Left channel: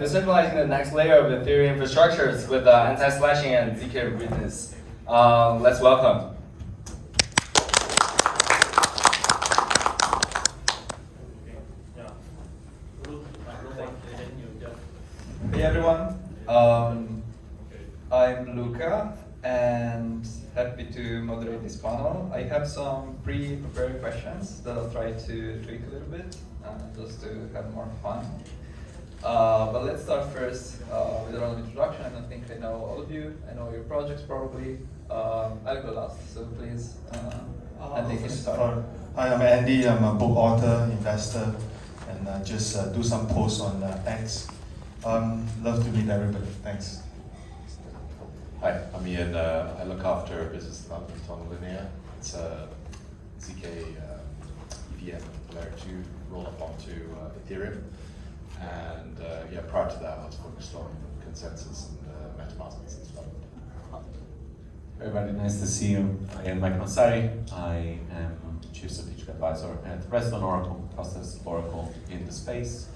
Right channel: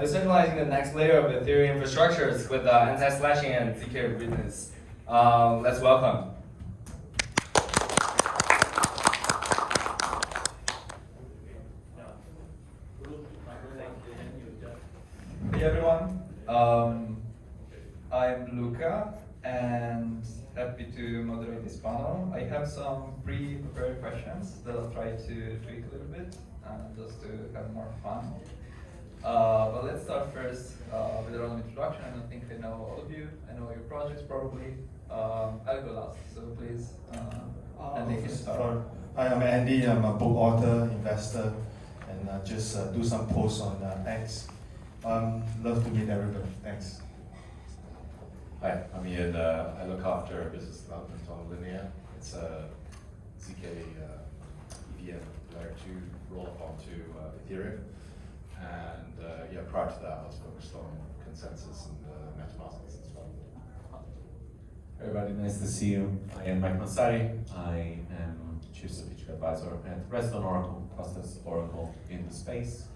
decentralizing the next layer of Ethereum infrastructures with anti-slashing and ZK-Readiness. Let's welcome. Hey everyone, I'm Luca and happy to moderate this panel. I have some pre-prepared questions that I'll try to tweak a little bit just to have more fun. But let's start first with our own introduction. I don't think I know all of you. I know your projects probably. I'll go last, so please, Andy, can you start? Hi, I'm Andy. I'm a book author, investor, and just do some posts on X. Love to meet everybody. Thanks. Hi, I'm Ian. I look after business development on Linea. It's a ZK EVM layer 2 roll up onto Ethereum. And yeah, prior to that, I was focused on consensus and MetaMask business development. Everybody, nice to see you. I am Mike Mansari. I am Chief Strategic Advisor at Redstone Oracle, fastest Oracle in the space,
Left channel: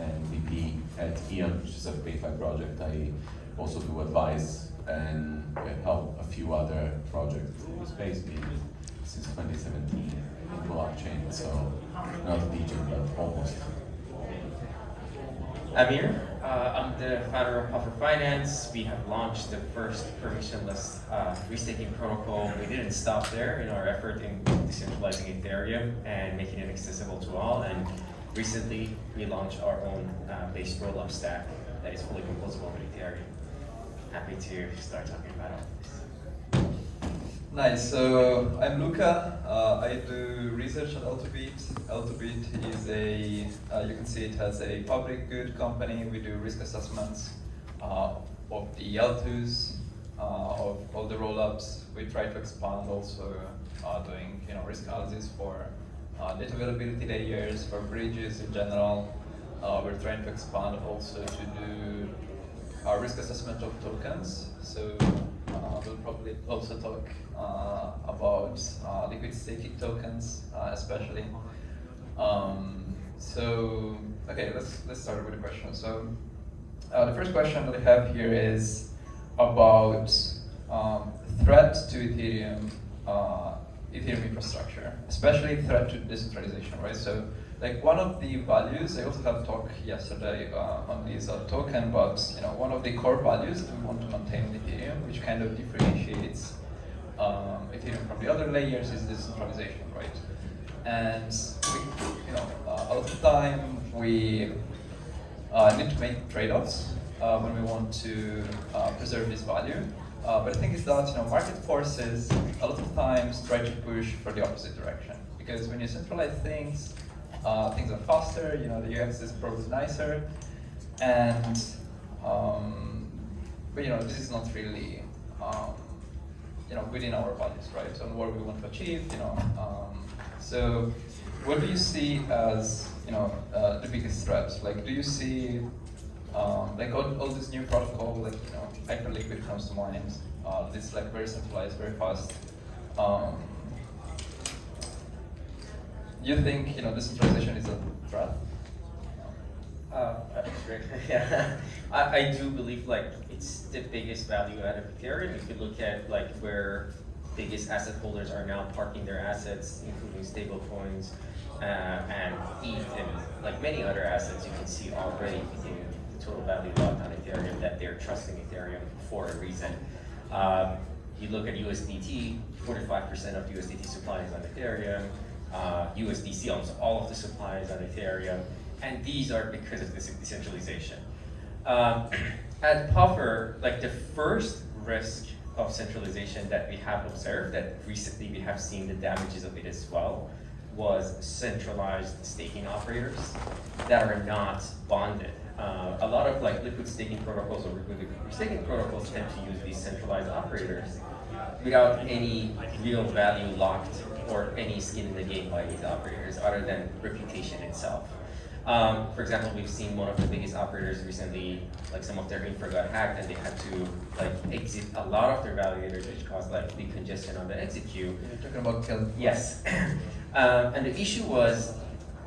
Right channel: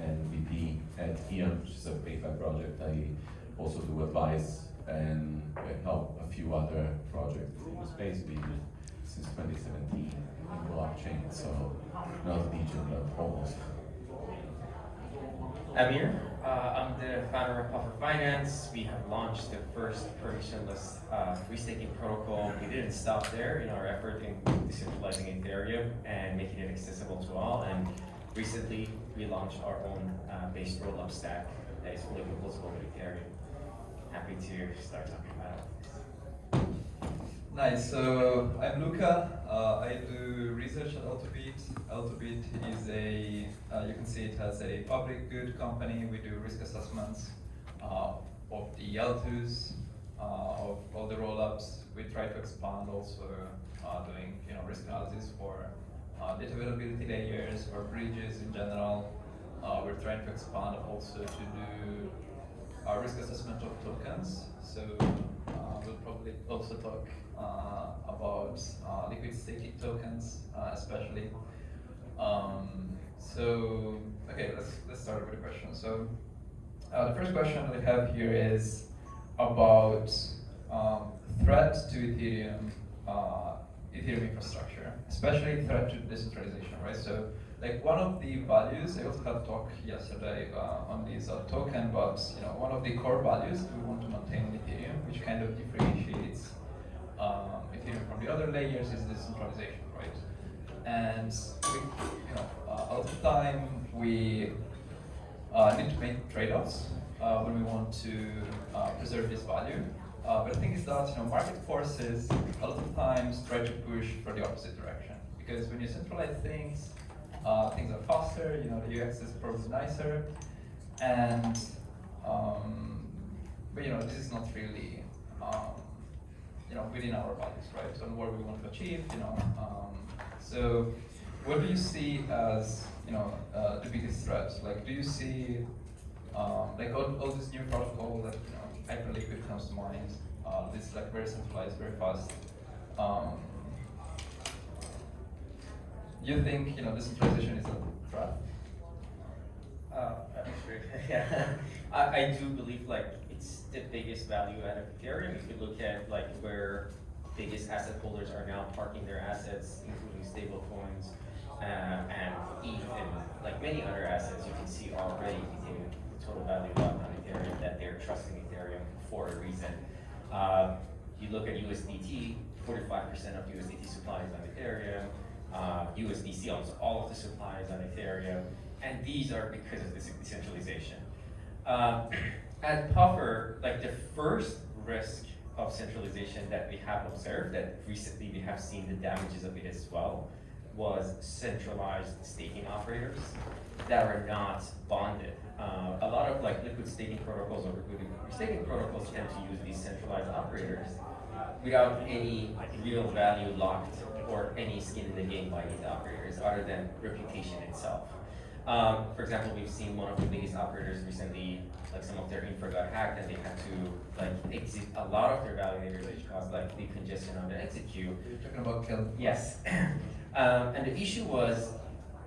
and VP at Eon, which is a DeFi project. I also do advise and help a few other projects in the space, been since 2017 in blockchain, so not legion, but almost. Amir, I'm the founder of Puffer Finance. We have launched the first permissionless restaking protocol. We didn't stop there in our effort in decentralizing Ethereum and making it accessible to all. And recently, we launched our own base rollup stack that is fully composable with Ethereum. Happy to start talking about it. Nice, so I'm Luca. I do research at Altobit. Altobit is a, you can see it has a public good company. We do risk assessments of the L2s, of all the rollups. We try to expand also doing risk analysis for data availability layers, for bridges in general. We're trying to expand also to do risk assessment of tokens. So we'll probably also talk about liquid staking tokens, especially. So, okay, let's start with a question. So, the first question that I have here is about threat to Ethereum infrastructure, especially threat to decentralization, right? So, like one of the values, I also had a talk yesterday on this token, but one of the core values that we want to maintain with Ethereum, which kind of differentiates Ethereum from the other layers, is decentralization, right? And we, a lot of the time we need to make trade-offs when we want to preserve this value. But the thing is that market forces a lot of times try to push for the opposite direction, because when you centralize things are faster, the UX is probably nicer, and but this is not really within our values, right? So what we want to achieve, so what do you see as the biggest threats? Like, do you see like all this new protocol, like Hyperliquid comes to mind. This like very centralized, very fast. You think decentralization is a threat? That's great. Yeah, I do believe like it's the biggest value out of Ethereum. If you look at like where biggest asset holders are now parking their assets, including stable coins and ETH and like many other assets, you can see already within the total value locked on Ethereum that they're trusting Ethereum for a reason. You look at USDT, 45% of USDT supply is on Ethereum. USDC, almost all of the supply is on Ethereum, and these are because of this decentralization. At Puffer, like the first risk of centralization that we have observed, that recently we have seen the damages of it as well, was centralized staking operators that are not bonded. A lot of like liquid staking protocols or liquid staking protocols tend to use these centralized operators without any real value locked or any skin in the game by these operators other than reputation itself. For example, we've seen one of the biggest operators recently, like some of their infra got hacked and they had to like exit a lot of their validators, which caused like big congestion on the exit queue. You're talking about kill. Yes. And the issue was,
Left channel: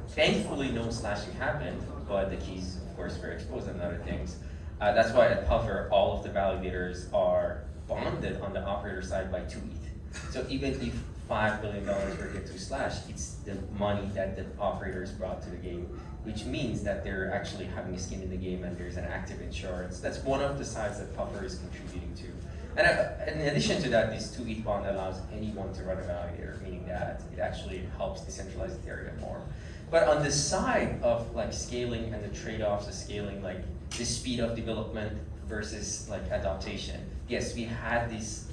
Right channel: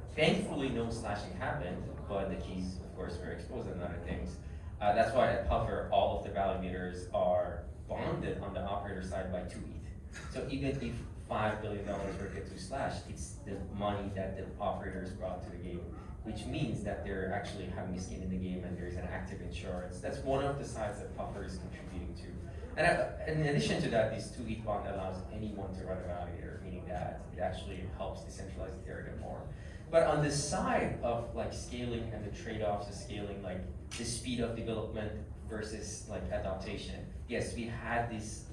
thankfully no slashing happened, but the keys of course, for expos and other things. That's why at Puffer, all of the validators are bonded on the operator side by 2 ETH. So even if $5 billion were get to Slash, it's the money that the operators brought to the game, which means that they're actually having skin in the game and there's an active insurance. That's one of the sides that Puffer is contributing to. And in addition to that, this 2 ETH bond allows anyone to run a validator, meaning that it actually helps decentralize Ethereum more. But on the side of like scaling and the trade-offs of scaling, like the speed of development versus like adaptation, yes, we had this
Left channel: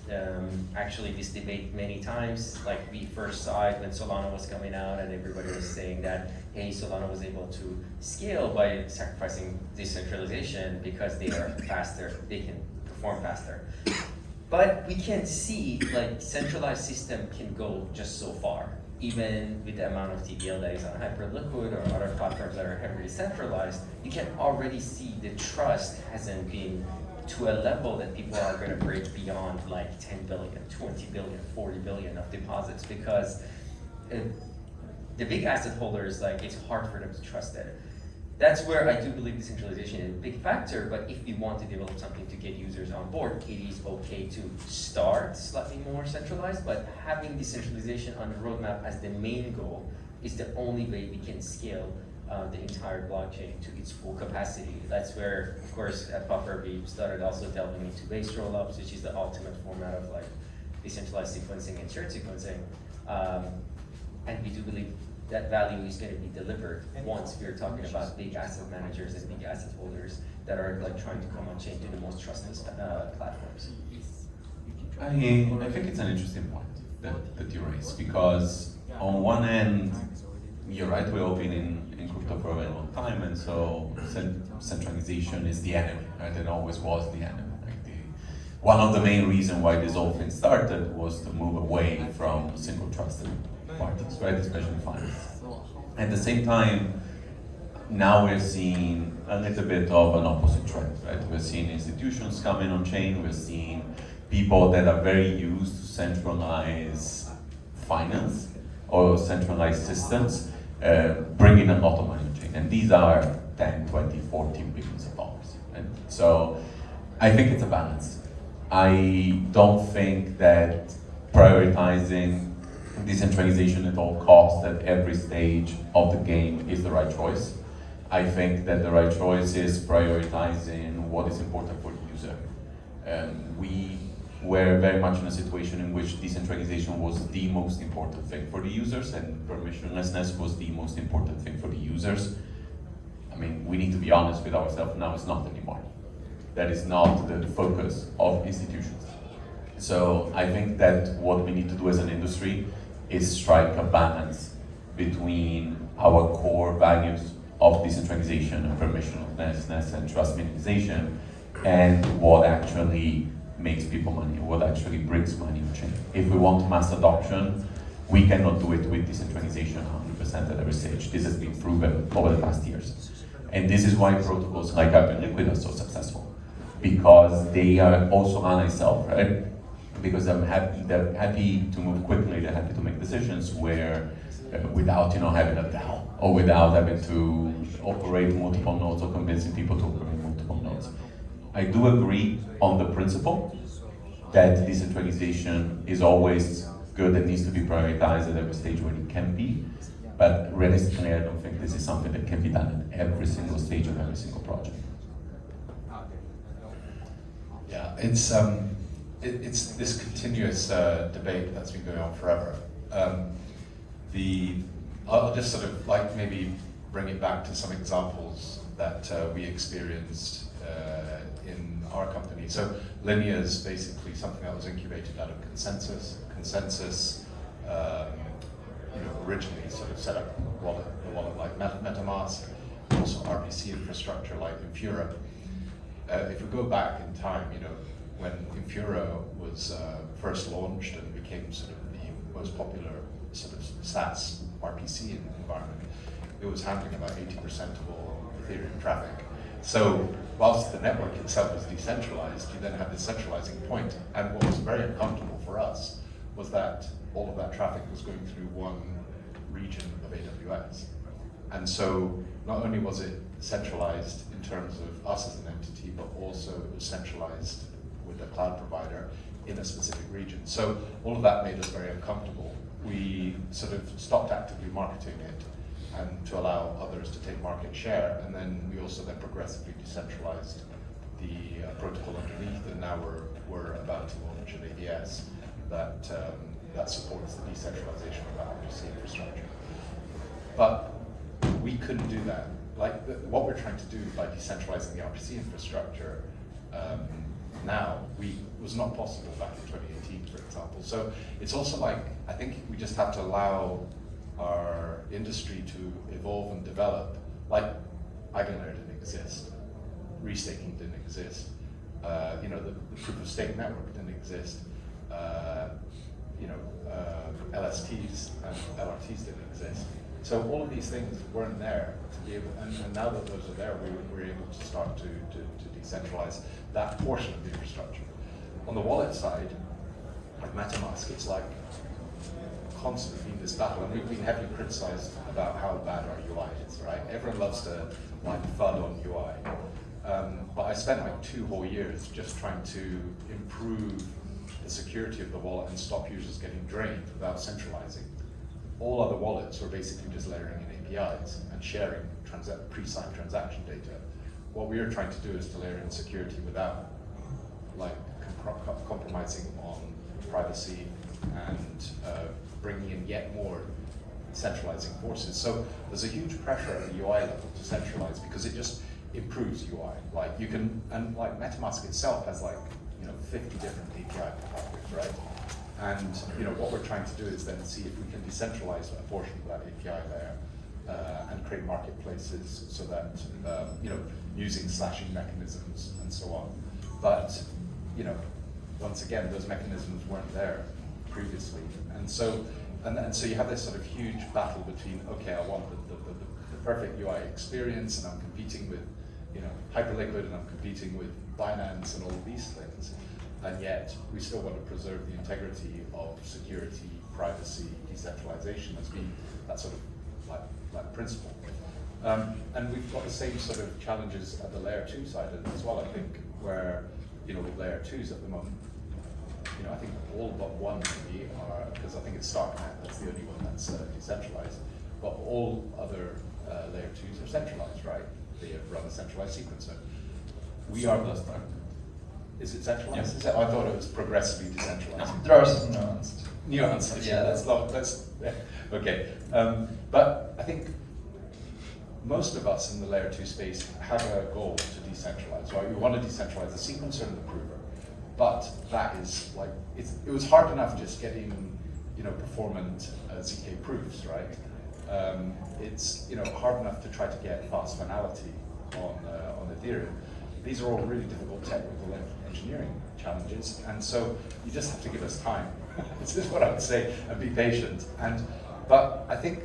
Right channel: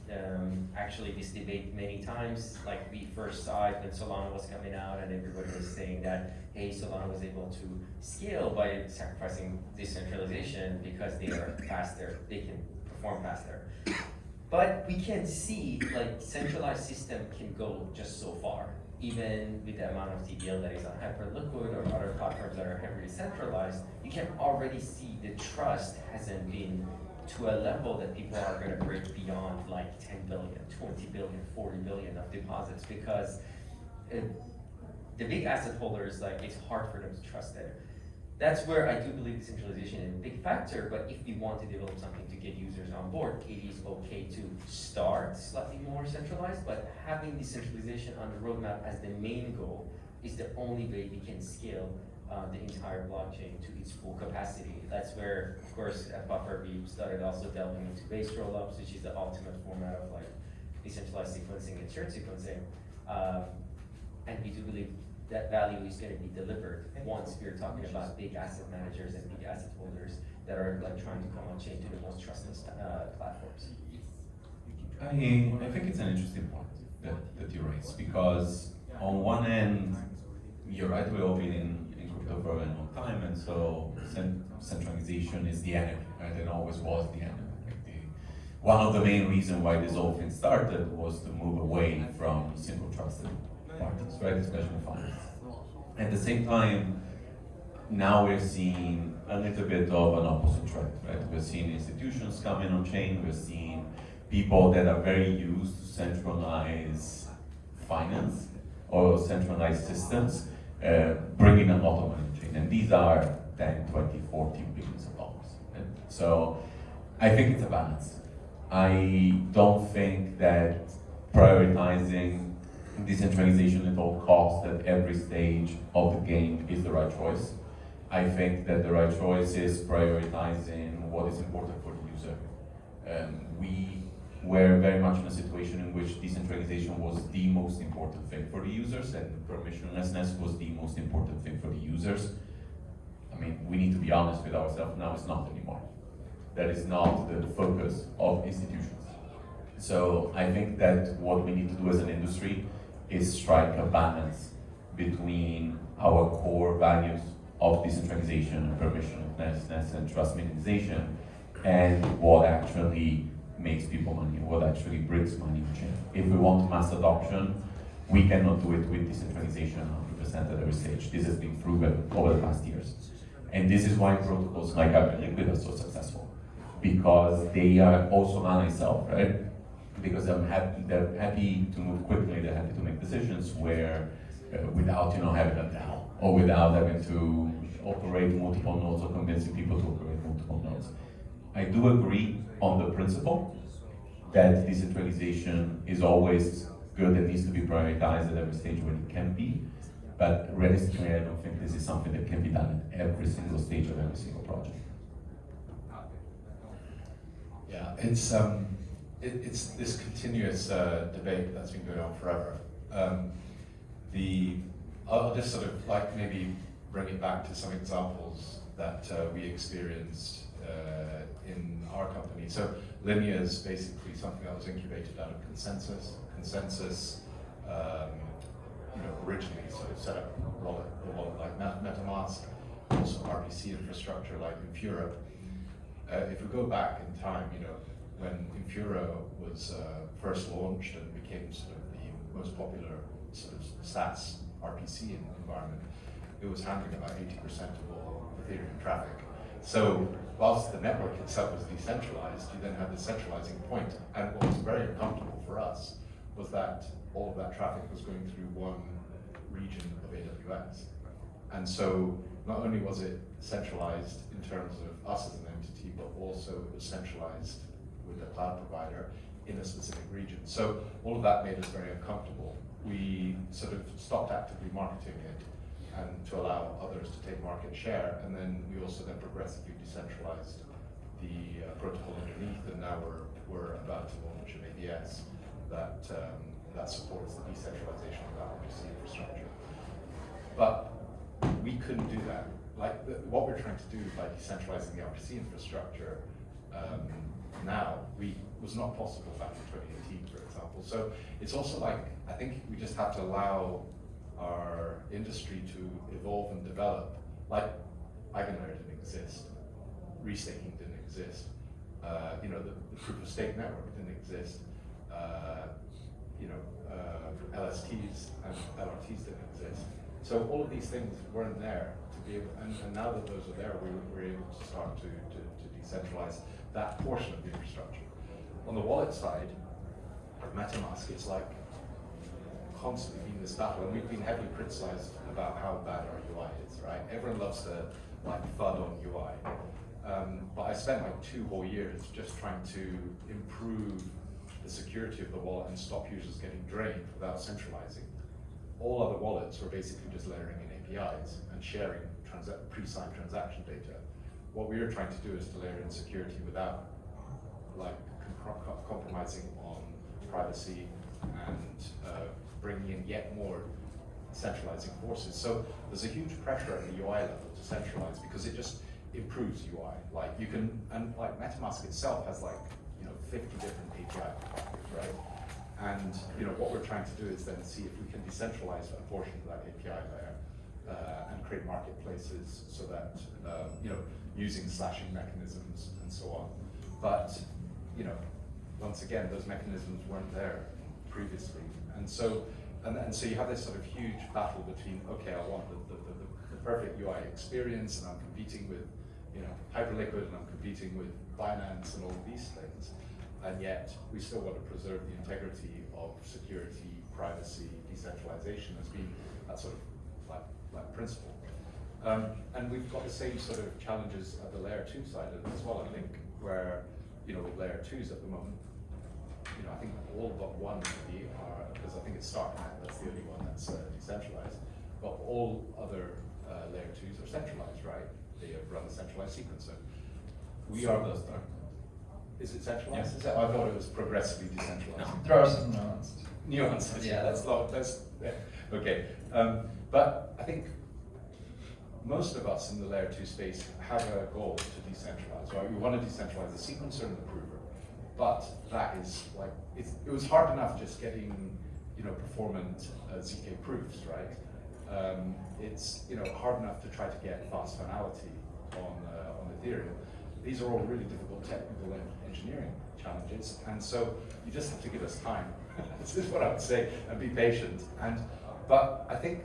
actually this debate many times. Like we first saw it when Solana was coming out, and everybody was saying that hey, Solana was able to scale by sacrificing decentralization because they are faster, they can perform faster. But we can see like centralized system can go just so far. Even with the amount of TVL that is on Hyperliquid or other platforms that are heavily centralized, you can already see the trust hasn't been to a level that people are going to break beyond like 10 billion, 20 billion, 40 billion of deposits, because the big asset holders, like it's hard for them to trust it. That's where I do believe decentralization is a big factor, but if we want to develop something to get users on board, it is okay to start slightly more centralized, but having decentralization on the roadmap as the main goal is the only way we can scale the entire blockchain to its full capacity. That's where, of course, at Puffer, we started also delving into base rollups, which is the ultimate format of like decentralized sequencing and shared sequencing. And we do believe that value is going to be delivered once we're talking about big asset managers and big asset holders that are like trying to come on chain to the most trustless platforms. I think it's an interesting point that you raise, because on one end, you're right, we've all been in crypto for a very long time, and so centralization is the enemy, right? And always was the enemy. One of the main reasons why this whole thing started was to move away from single trusted parties, right? Especially finance. At the same time, now we're seeing a little bit of an opposite trend, right? We're seeing institutions coming on chain, we're seeing people that are very used to centralize finance or centralized systems bringing a lot of money on chain. And these are 10, 20, 40 billions of dollars. Right? So I think it's a balance. I don't think that prioritizing decentralization at all costs at every stage of the game is the right choice. I think that the right choice is prioritizing what is important for the user. We were very much in a situation in which decentralization was the most important thing for the users, and permissionlessness was the most important thing for the users. I mean, we need to be honest with ourselves now, it's not anymore. That is not the focus of institutions. So I think that what we need to do as an industry is strike a balance between our core values of decentralization and permissionlessness and trust minimization and what actually makes people money, what actually brings money on chain. If we want mass adoption, we cannot do it with decentralization 100% at every stage. This has been proven over the past years. And this is why protocols like Hyperliquid are so successful, because they are also anti-self, right? Because they're happy to move quickly, they're happy to make decisions where without having a DAO or without having to operate multiple nodes or convincing people to operate multiple nodes. I do agree on the principle that decentralization is always good and needs to be prioritized at every stage when it can be, but realistically I don't think this is something that can be done at every single stage of every single project. Yeah, it's this continuous debate that's been going on forever. I'll just sort of like maybe bring it back to some examples that we experienced in our company. So Linea is basically something that was incubated out of Consensus. Consensus, originally sort of set up a wallet like MetaMask, also RPC infrastructure like Infura. If we go back in time, when Infura was first launched and became sort of the most popular sort of SaaS RPC environment, it was handling about 80% of all Ethereum traffic. So whilst the network itself was decentralized, you then had this centralizing point. And what was very uncomfortable for us was that all of that traffic was going through one region of AWS. And so not only was it centralized in terms of us as an entity, but also it was centralized with a cloud provider in a specific region. So all of that made us very uncomfortable. We sort of stopped actively marketing it and to allow others to take market share, and then we also then progressively decentralized the protocol underneath, and now we're about to launch an ADS that supports the decentralization of that RPC infrastructure. But we couldn't do that. What we're trying to do by decentralizing the RPC infrastructure now was not possible back in 2018, for example. So it's also like, I think we just have to allow our industry to evolve and develop. Like, Eigenlayer didn't exist, restaking didn't exist, the proof of stake network didn't exist, LSTs and LRTs didn't exist. So all of these things weren't there to be able, and now that those are there, we're able to start to decentralize that portion of the infrastructure. On the wallet side, like MetaMask, it's like constantly been this battle, and we've been heavily criticized about how bad our UI is, right? Everyone loves to like FUD on UI. But I spent like 2 whole years just trying to improve the security of the wallet and stop users getting drained without centralizing. All other wallets were basically just layering in APIs and sharing pre-signed transaction data. What we are trying to do is to layer in security without like compromising on privacy and bringing in yet more centralizing forces. So there's a huge pressure at the UI level to centralize because it just improves UI. Like you can, and like MetaMask itself has like 50 different API providers, right? And what we're trying to do is then see if we can decentralize a portion of that API layer and create marketplaces so that using slashing mechanisms and so on. But once again, those mechanisms weren't there previously, and so you have this sort of huge battle between, okay, I want the perfect UI experience, and I'm competing with Hyperliquid, and I'm competing with Binance and all of these things, and yet we still want to preserve the integrity of security, privacy, decentralization as being that sort of like principle. And we've got the same sort of challenges at the layer 2 side as well, I think, where with layer 2s at the moment, I think all but one maybe are, because I think it's Starknet, that's the only one that's decentralized, but all other layer 2s are centralized, right? They run a centralized sequencer. We are the Starknet. Is it centralized? Yes. I thought it was progressively decentralized. There are some Nuances. Yeah, that's okay. But I think most of us in the layer 2 space have a goal to decentralize, right? We want to decentralize the sequencer and the prover, but that is like, it was hard enough just getting, performant ZK proofs, right? It's, hard enough to try to get fast finality on Ethereum. These are all really difficult technical engineering challenges, and so you just have to give us time. This is what I would say, and be patient. But I think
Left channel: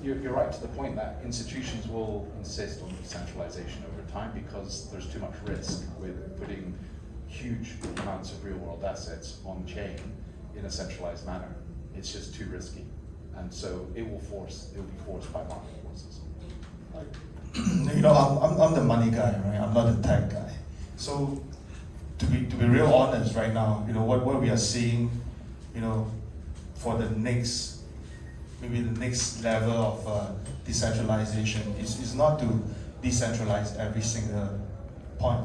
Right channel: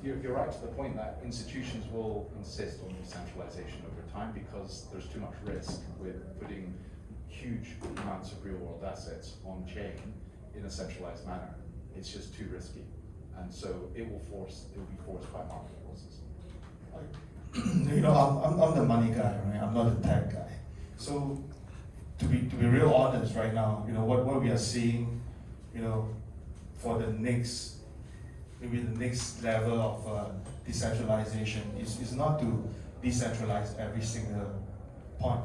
you're right to the point that institutions will insist on decentralization over time because there's too much risk with putting huge amounts of real-world assets on chain in a centralized manner. It's just too risky, and so it will be forced by market forces. I'm the money guy, right? I'm not the tech guy. So to be real honest right now, what we are seeing, for the next level of decentralization is not to decentralize every single point,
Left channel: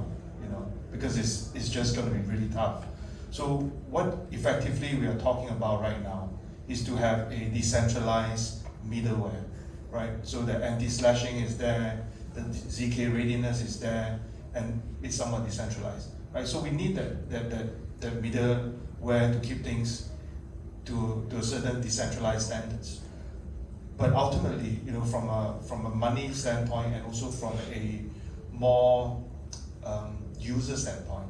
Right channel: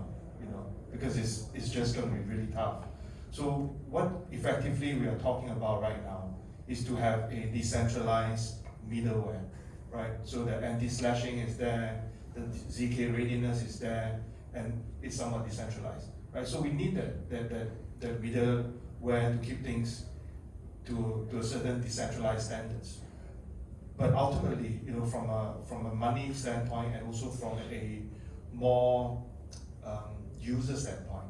because it's just going to be really tough. So what effectively we are talking about right now is to have a decentralized middleware, right? So the anti-slashing is there, the ZK-Readiness is there, and it's somewhat decentralized, right? So we need that middleware to keep things to a certain decentralized standards. But ultimately, from a money standpoint and also from a more user standpoint,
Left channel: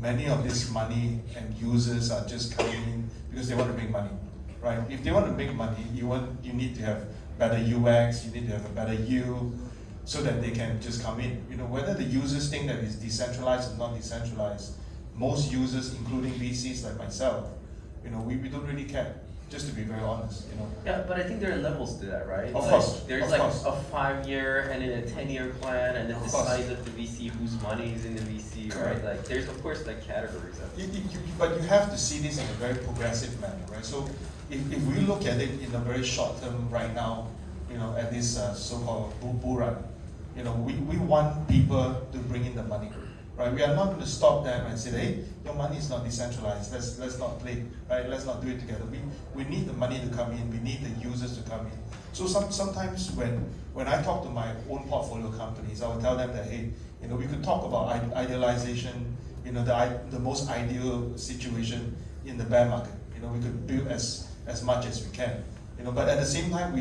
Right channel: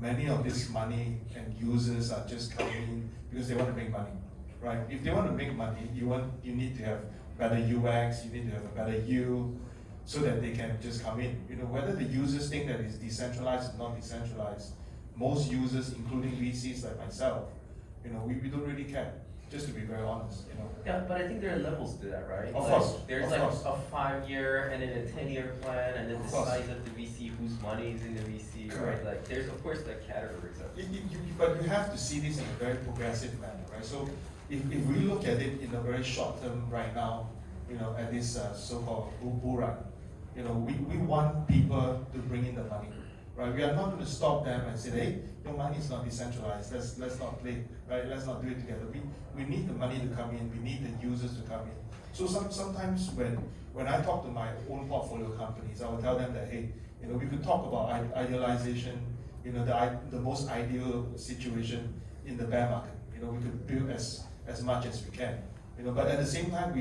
many of this money and users are just coming in because they want to make money, right? If they want to make money, you need to have better UX, you need to have a better yield, so that they can just come in. Whether the users think that it's decentralized or not decentralized, most users, including VCs like myself, we don't really care. just to be very honest, you know. Yeah, but I think there are levels to that, right? Of Like, course, there's of like course. a 5-year and then a 10-year plan, and then Of the course. size of the VC, whose money is in the VC, Correct. right? Like, there's of course like categories of it. But you have to see this in a very progressive manner, right? So if we look at it in a very short term right now, you know, at this so-called bull run, you know, we want people to bring in the money, right? We are not going to stop them and say, hey, your money is not decentralized. Let's not play, right? Let's not do it together. We need the money to come in. We need the users to come in. So sometimes when I talk to my own portfolio companies, I will tell them that, hey, you know, we could talk about idealization, you know, the most ideal situation in the bear market. You know, we could build as much as we can. You know, but at the same time,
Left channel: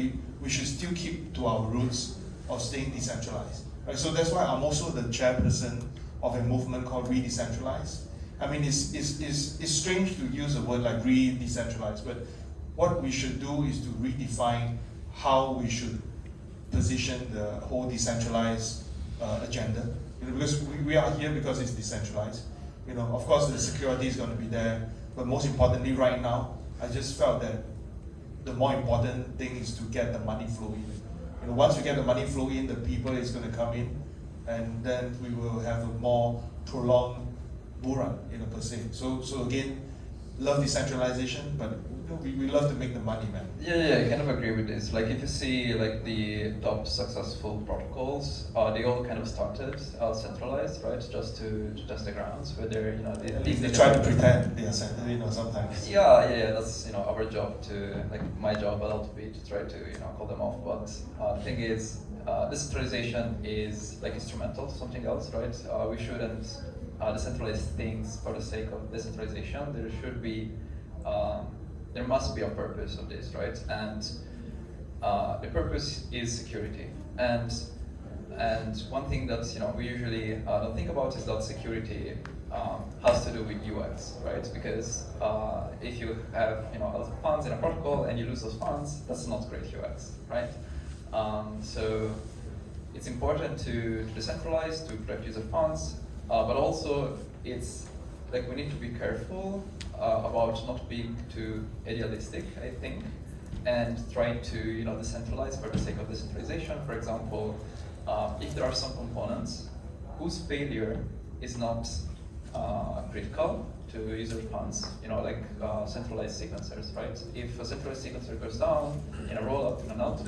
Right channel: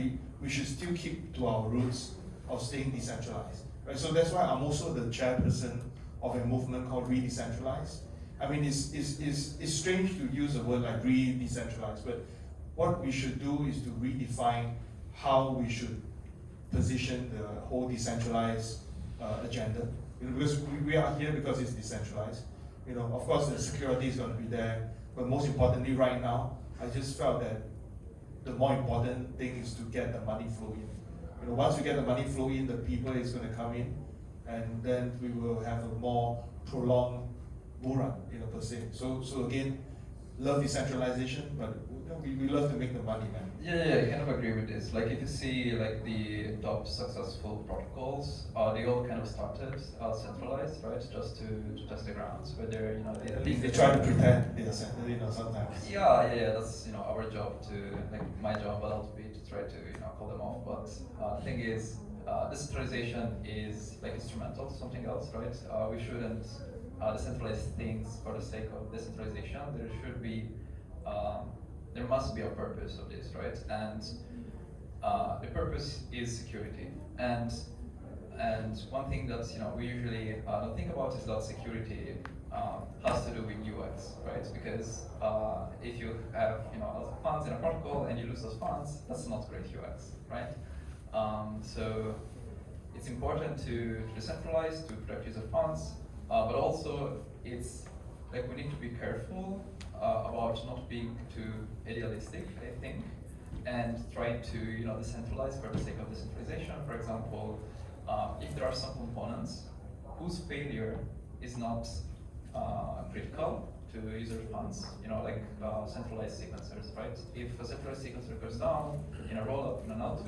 we should still keep to our roots of staying decentralized. Right? So that's why I'm also the chairperson of a movement called Re-Decentralize. I mean, it's strange to use a word like re-decentralize, but what we should do is to redefine how we should position the whole decentralized agenda. You know, because we are here because it's decentralized. You know, of course, the security is going to be there, but most importantly, right now, I just felt that the more important thing is to get the money flow in. You know, once you get the money flow in, the people is going to come in, and then we will have a more prolonged bull run, you know, per se. So again, love decentralization, but you know, we love to make the money, man. Yeah, I kind of agree with this. Like if you see like the top successful protocols, they all kind of started centralized, right? Just to test the grounds, whether you know They try to pretend they are centered, you know, sometimes. Yeah, that's you know our job to like my job a little bit to try to you know call them off. But the thing is, decentralization is like instrumental to something else, right? We shouldn't decentralize things for the sake of decentralization. There should be there must be a purpose of this, right? And the purpose is security. And one thing that you know we usually don't think about is that security has to do with UX, right? Because if you have you know a lot of funds in a protocol and you lose those funds, that's not great UX, right? So it's important to decentralize, to protect user funds, but also it's like we need to be careful about not being too idealistic, I think, and trying to you know decentralize for the sake of decentralization. For example, if there are some components whose failure is not critical to user funds, you know, like centralized sequencers, right? If a centralized sequencer goes down in a rollup, in an L2,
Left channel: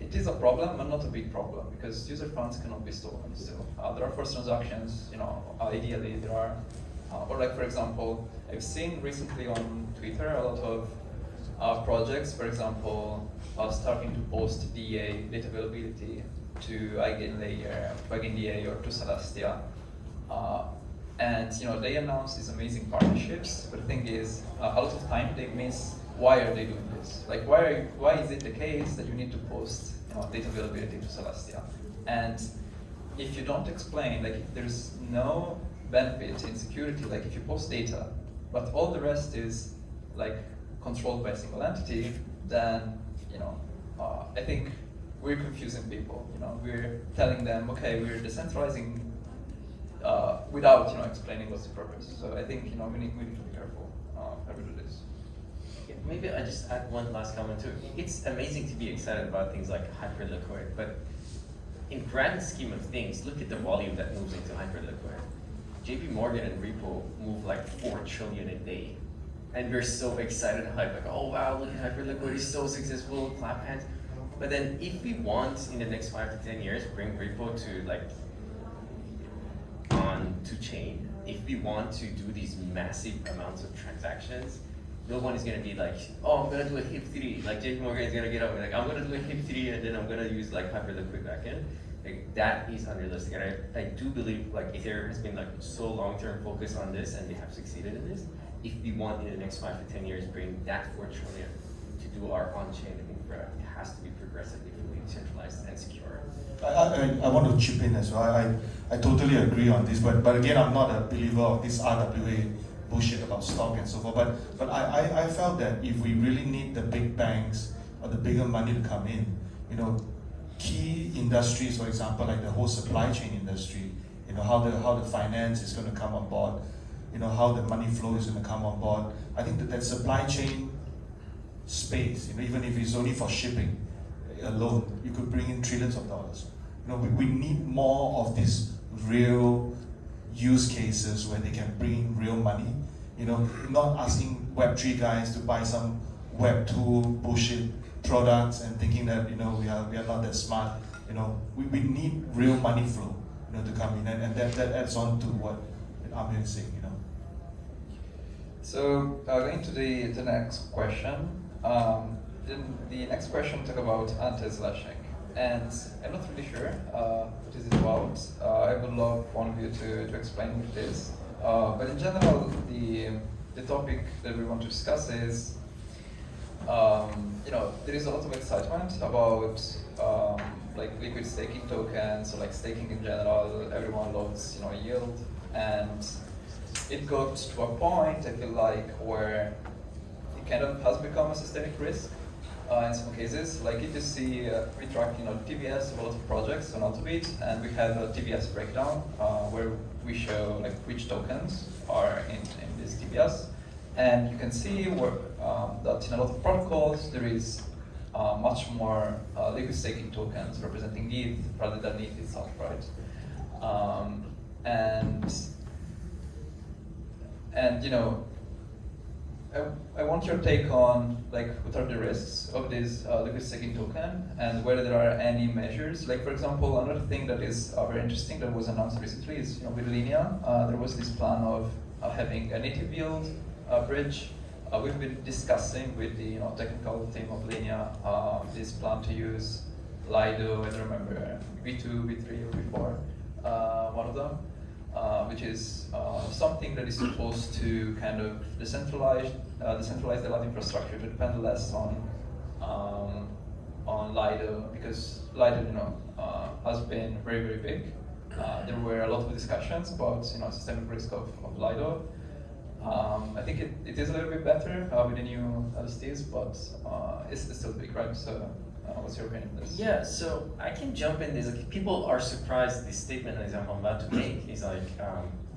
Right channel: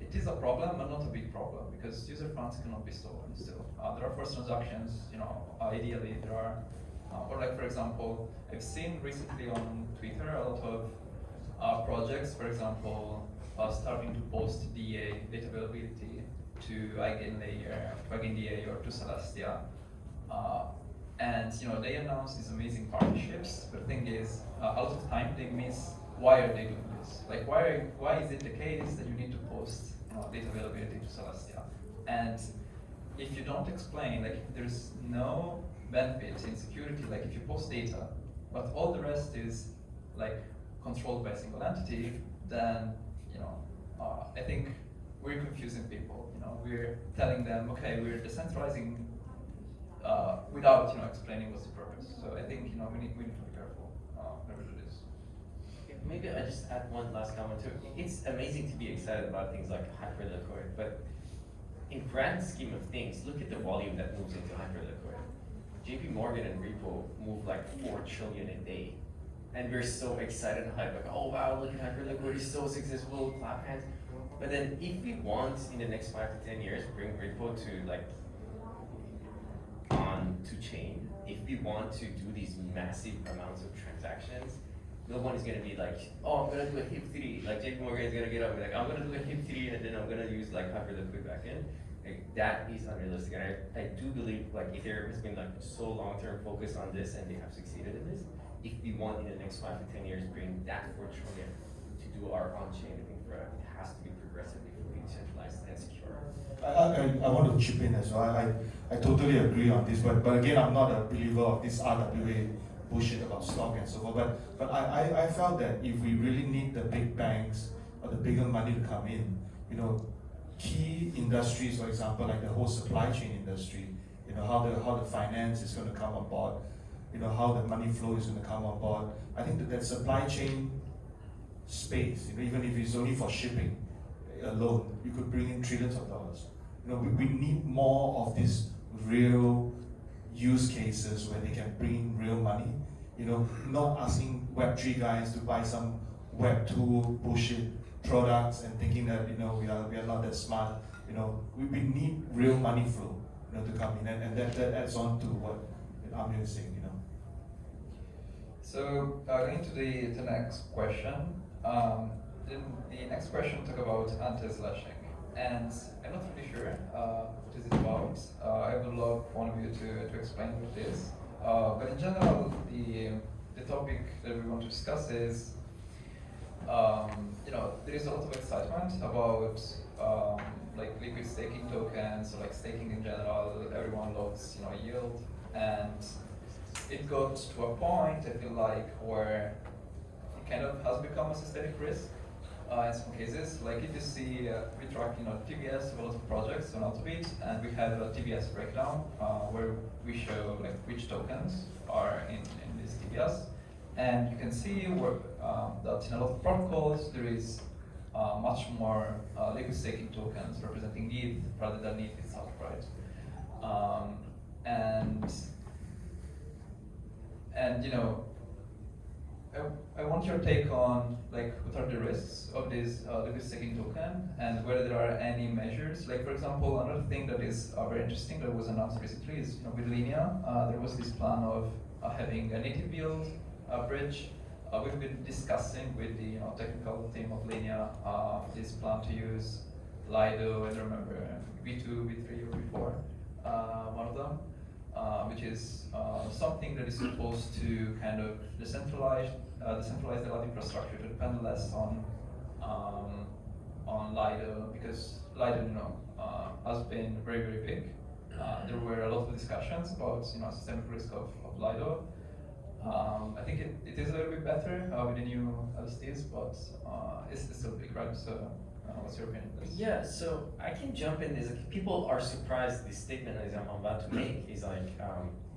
it is a problem, but not a big problem, because user funds cannot be stolen still. There are forced transactions, you know, ideally there are, or like for example, I've seen recently on Twitter a lot of projects, for example, starting to post DA, data availability, to EigenLayer, or to Celestia. And you know, they announce these amazing partnerships, but the thing is, a lot of time they miss why are they doing this? Like why is it the case that you need to post you know, data availability to Celestia? And if you don't explain, like if there's no benefit in security, like if you post data, but all the rest is like controlled by a single entity, then you know, I think we're confusing people. You know, we're telling them, okay, we're decentralizing without you know explaining what's the purpose. So I think you know we need to be careful how we do this. Yeah, maybe I just add one last comment too. It's amazing to be excited about things like hyperliquid, but in grand scheme of things, look at the volume that moves into hyperliquid. JP Morgan and Repo move like 4 trillion a day. And we're so excited and hyped, like, oh wow, look at hyperliquid, it's so successful, clap hands. But then if we want in the next 5 to 10 years, bring Repo to like on to chain, if we want to do these massive amounts of transactions, no one is gonna be like, oh, I'm gonna do a HIP3. Like JP Morgan is gonna get up and like, I'm gonna do a HIP3 and then I'm gonna use like hyperliquid backend. Like that is unrealistic. And I do believe like Ethereum has been like so long-term focused on this and they have succeeded in this. If we want in the next 5 to 10 years bring that 4 trillion to do our on-chain infra, it has to be progressively fully decentralized and secure. I want to chip in as well. I totally agree on this, but again, I'm not a believer of this RWA bullshit about stock and so forth. But I felt that if we really need the big banks or the bigger money to come in, you know, key industries, for example, like the whole supply chain industry, you know, how the finance is going to come on board. how the money flow is going to come on board. I think that supply chain space, even if it's only for shipping alone, you could bring in trillions of dollars. We need more of these real use cases where they can bring in real money. Not asking Web3 guys to buy some Web2 bullshit products and thinking that we are not that smart. We need real money flow to come in, and that adds on to what Amir is saying. So going to the next question. The next question talk about anti-slashing, and I'm not really sure what is it about. I would love one of you to explain what it is. But in general, the topic that we want to discuss is, there is a lot of excitement about like liquid staking tokens, or like staking in general. Everyone loves yield, and it got to a point, I feel like, where it kind of has become a systemic risk in some cases. Like if you see, we track TVS of a lot of projects on Altbit, and we have a TVS breakdown where we show like which tokens are in this TVS, and you can see where, that in a lot of protocols there is much more liquid staking tokens representing ETH rather than ETH itself, right? I want your take on like what are the risks of this liquid staking token, and whether there are any measures. Like for example, another thing that is very interesting that was announced recently is with Linea, there was this plan of having a native yield bridge. We've been discussing with the technical team of Linea this plan to use Lido, I don't remember, V2, V3, or V4, one of them. Which is something that is supposed to kind of decentralize the lab infrastructure to depend less on Lido, because Lido has been very, very big. There were a lot of discussions about systemic risk of Lido. I think it is a little bit better with the new LSTs, but it's still big, right? So what's your opinion on this? Yeah, so I can jump in this. Like, people are surprised this statement that I'm about to make is like,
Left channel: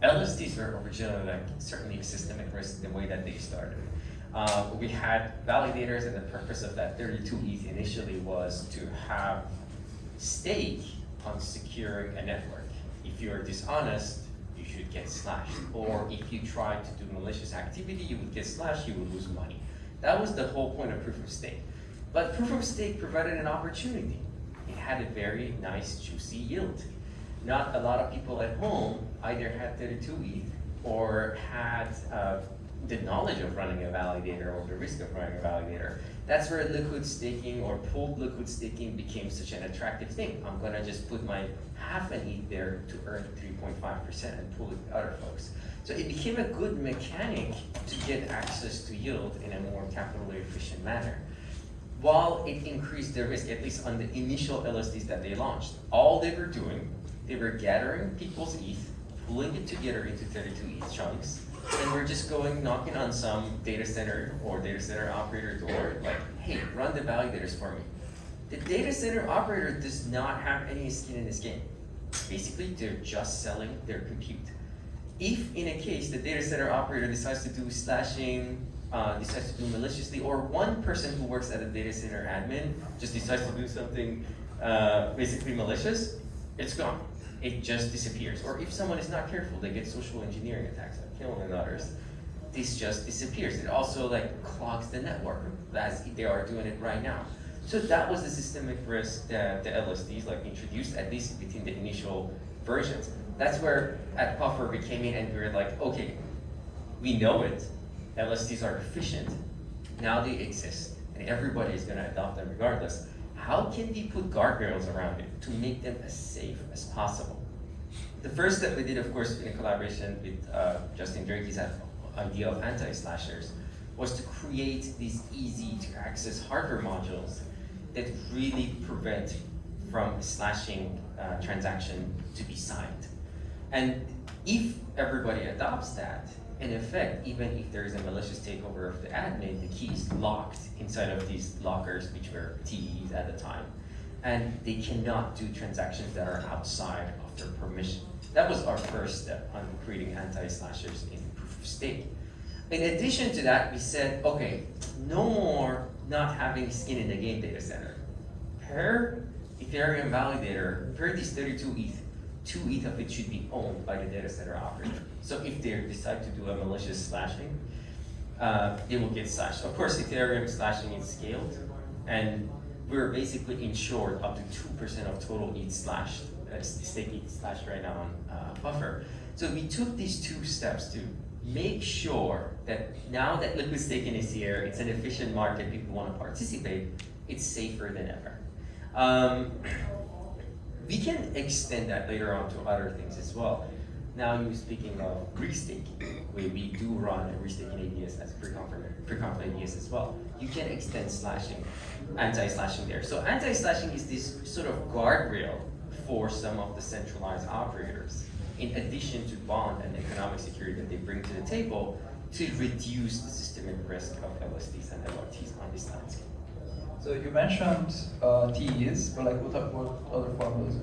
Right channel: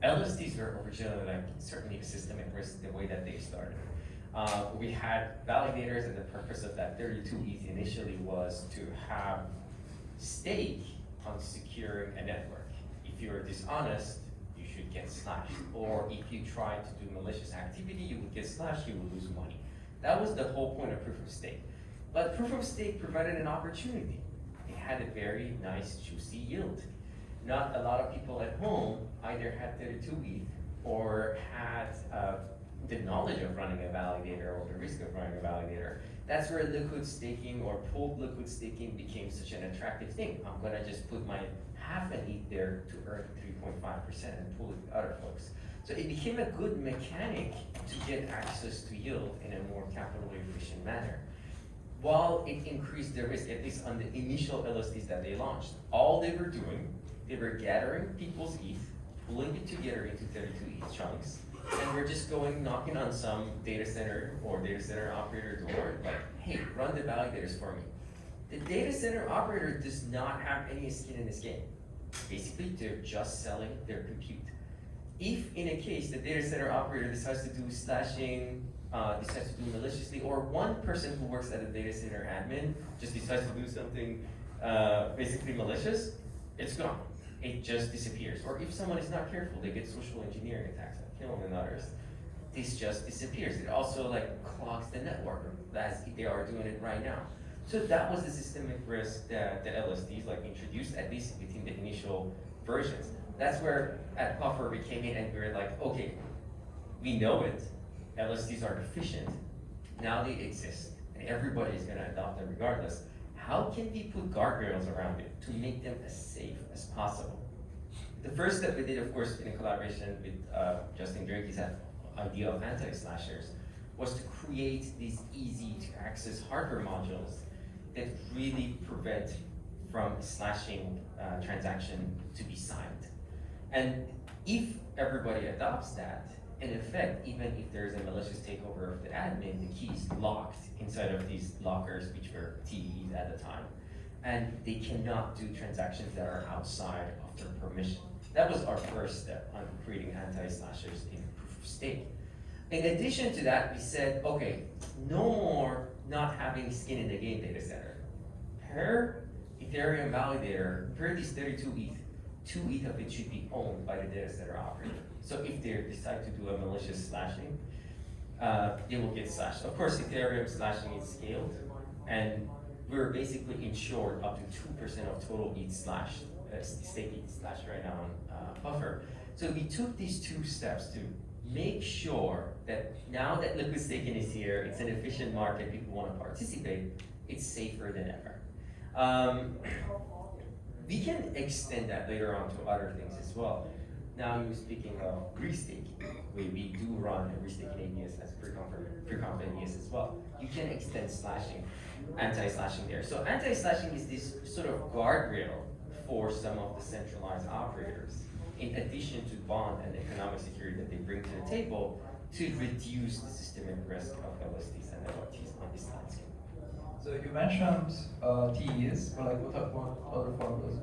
LSTs were originally like certainly a systemic risk the way that they started. We had validators, and the purpose of that 32 ETH initially was to have stake on securing a network. If you're dishonest, you should get slashed. Or if you try to do malicious activity, you would get slashed, you would lose money. That was the whole point of proof of stake. But proof of stake provided an opportunity. It had a very nice, juicy yield. Not a lot of people at home either had 32 ETH or had the knowledge of running a validator or the risk of running a validator. That's where liquid staking or pooled liquid staking became such an attractive thing. I'm gonna just put my half an ETH there to earn 3.5% and pool it with other folks. So it became a good mechanic to get access to yield in a more capital efficient manner. While it increased the risk, at least on the initial LSDs that they launched, all they were doing, they were gathering people's ETH, pulling it together into 32 ETH chunks, and we're just going knocking on some data center or data center operator door, like, hey, run the validators for me. The data center operator does not have any skin in this game. Basically, they're just selling their compute. If in a case the data center operator decides to do slashing, decides to do maliciously, or one person who works at a data center admin just decides to do something basically malicious, it's gone. It just disappears. Or if someone is not careful, they get social engineering attacks, like killing and others. This just disappears. It also like clogs the network, as they are doing it right now. So that was the systemic risk that the LSDs like introduced, at least within the initial versions. That's where at Puffer we came in and we were like, okay, we know it. LSDs are efficient. Now they exist, and everybody is going to adopt them regardless. How can we put guardrails around it to make them as safe as possible? The first step we did, of course, in a collaboration with Justin Durkee's idea of anti-slashers, was to create these easy-to-access hardware modules that really prevent from slashing transaction to be signed. And if everybody adopts that, in effect, even if there is a malicious takeover of the admin, the key is locked inside of these lockers, which were TEs at the time. And they cannot do transactions that are outside of their permission. That was our first step on creating anti-slashers in proof stake. In addition to that, we said, okay, no more not having skin in the game data center. Per Ethereum validator, per these 32 ETH, 2 ETH of it should be owned by the data center operator. So if they decide to do a malicious slashing, it will get slashed. Of course, Ethereum slashing is scaled, and we're basically insured up to 2% of total ETH slashed, stake ETH slashed right now on Buffer. So we took these 2 steps to make sure that now that liquid staking is here, it's an efficient market, people want to participate, it's safer than ever. We can extend that later on to other things as well. Now you're speaking of restaking, where we do run restaking ABS as pre-conf ABS as well. You can extend slashing, anti-slashing there. So anti-slashing is this sort of guardrail for some of the centralized operators, in addition to bond and economic security that they bring to the table to reduce the systemic risk of LSDs and LRTs on this landscape. So you mentioned TEs, but like what other formulas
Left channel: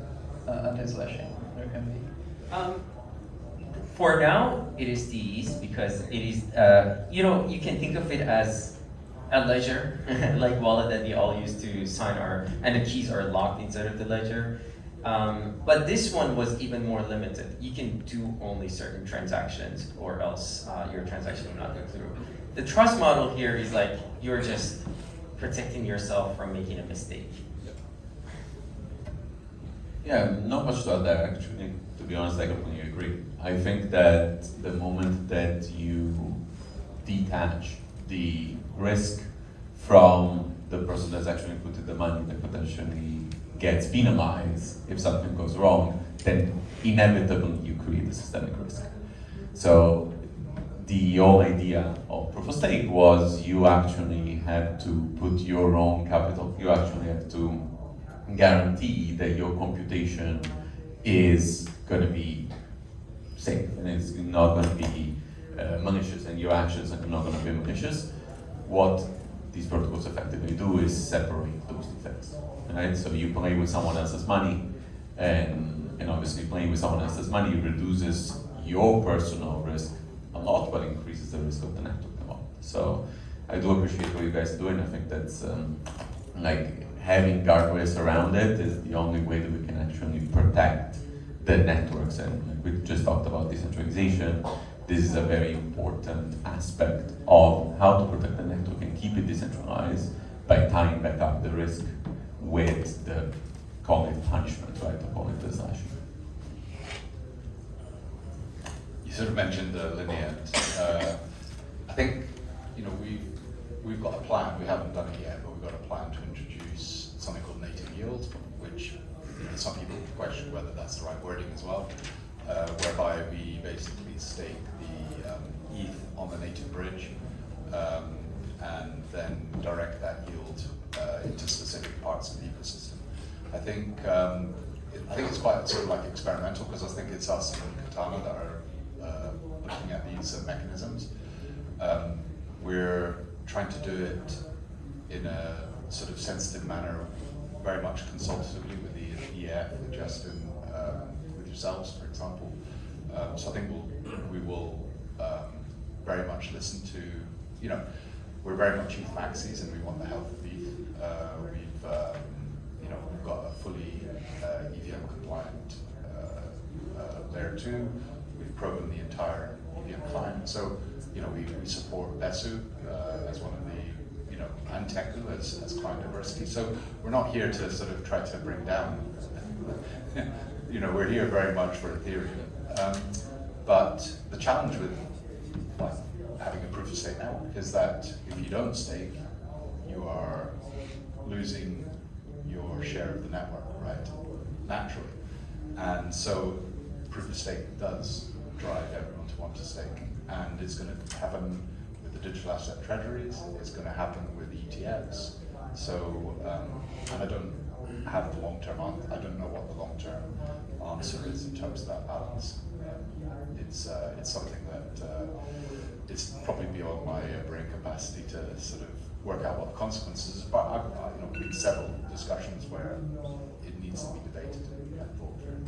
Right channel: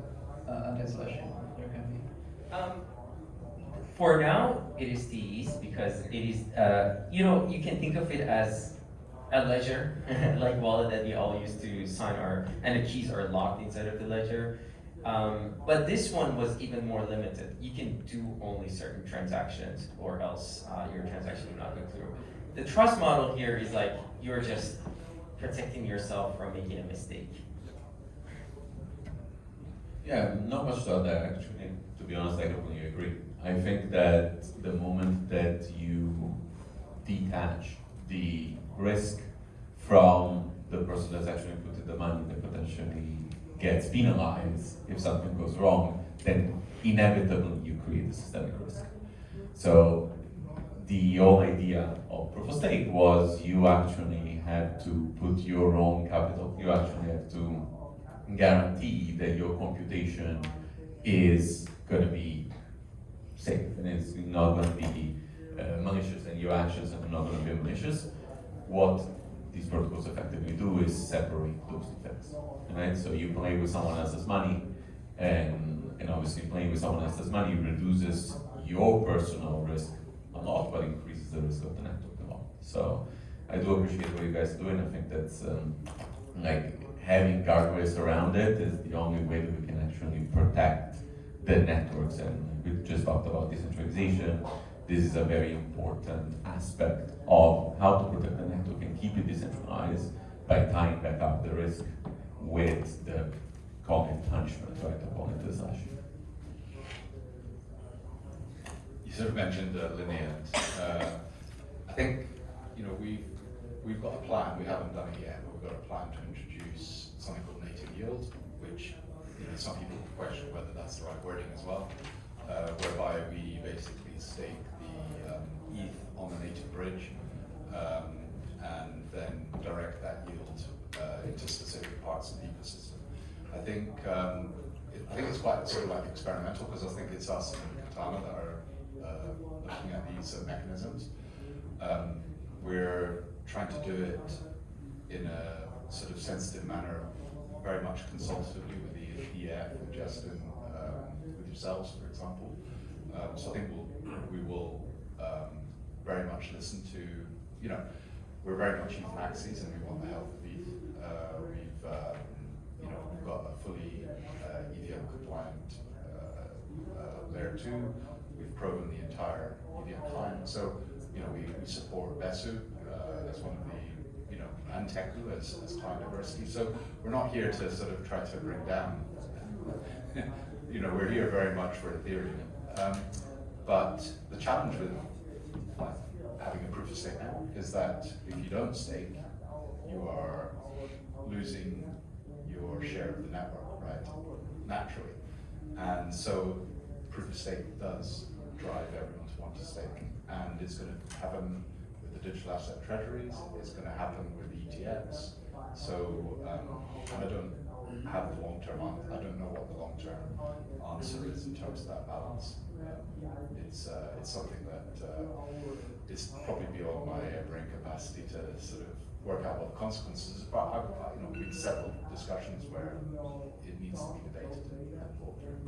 anti-slashing there can be? For now, it is TEs because it is, you can think of it as a ledger, like wallet that we all use to sign and the keys are locked inside of the ledger. But this one was even more limited. You can do only certain transactions or else your transaction will not go through. The trust model here is like, you're just protecting yourself from making a mistake. Yeah, not much to add there actually. To be honest, I completely agree. I think that the moment that you detach the risk from the person that's actually put in the money that potentially gets penalized if something goes wrong, then inevitably you create a systemic risk. So the whole idea of proof of stake was you actually have to put your own capital, you actually have to guarantee that your computation is going to be safe and it's not going to be malicious, and your actions are not going to be malicious. What these protocols effectively do is separate those defects, right? So you play with someone else's money, and obviously playing with someone else's money reduces your personal risk a lot, but increases the risk of the network a lot. So I do appreciate what you guys are doing. I think that's like having guardrails around it is the only way that we can actually protect the networks. And we just talked about decentralization. This is a very important aspect of how to protect the network and keep it decentralized by tying back up the risk with the, call it punishment, right? To call it the slashing. You sort of mentioned the linear. I think we've got a plan. We haven't done it yet, but we've got a plan to introduce something called native yield, which some people question whether that's the right wording as well, whereby we basically stake the ETH on the native bridge and then direct that yield into specific parts of the ecosystem. I think it's quite sort of like experimental, because I think it's us and Katana that are looking at these mechanisms. We're trying to do it in a sort of sensitive manner, very much consultatively with the EF, with Justin, with yourselves, for example. So I think we will very much listen to, we're very much ETH maxis and we want the health of ETH. We've got a fully EVM compliant layer 2. We've proven the entire EVM client. So, we support Besu as one of the, and Teku as client diversity. So we're not here to sort of try to bring down, we're here very much for Ethereum. But the challenge with having a proof of stake network is that if you don't stake, you are losing your share of the network, right? Naturally. And so proof of stake does drive everyone to want to stake. And it's going to happen with the digital asset treasuries, it's going to happen with ETFs. So, and I don't have the long-term answer, I don't know what the long-term answer is in terms of that balance. It's something that is probably beyond my brain capacity to sort of work out what the consequences is, but I've been several discussions where it needs to be debated and thought through.